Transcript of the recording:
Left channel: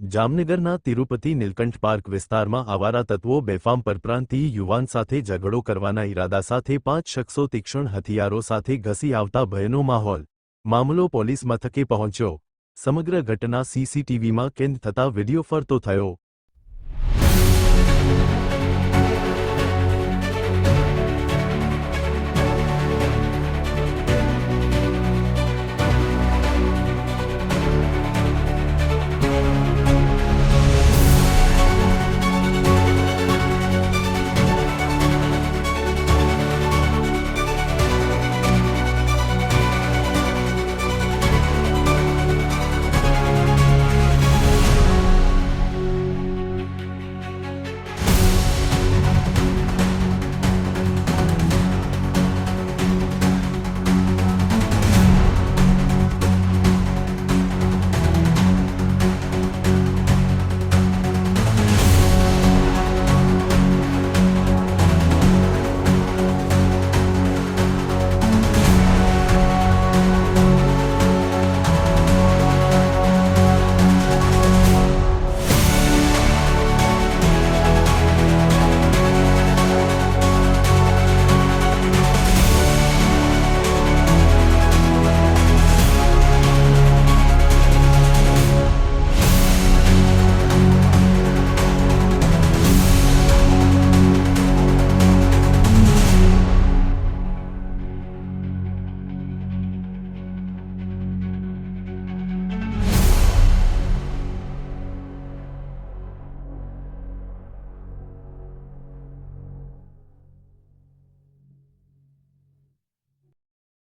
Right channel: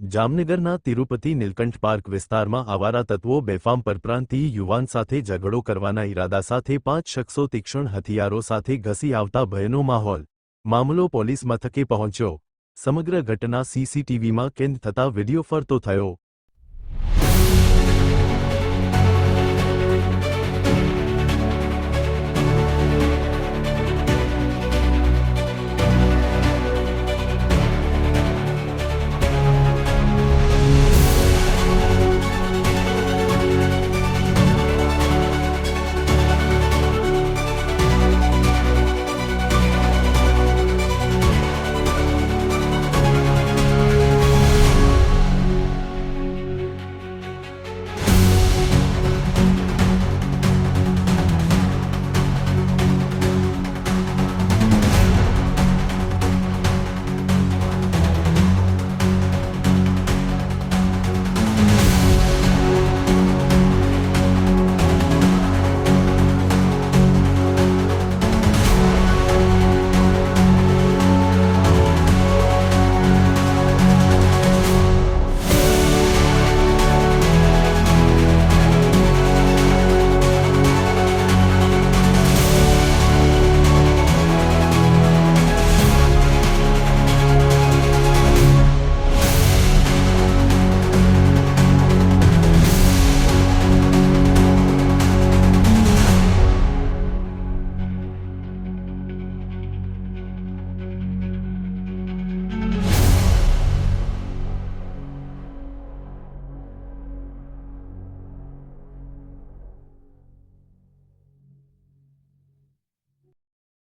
જામનગરના તિરુપતિ નીલકંઠ પાર્ક વિસ્તારમાં આવારા તત્વો બેફામ પરપ્રાંતીય યુવાન સાથે ઝઘડો કરવાના ઈરાદા સાથે 5 શખ્સો તીક્ષ્ણ હથિયારો સાથે ઘસી આવતા ભયનો મામલો પોલીસ મથકે પહોંચ્યો। સમગ્ર ઘટના સીસીટીવીમાં કેદ થતા વિડીયો ફરતો થયો।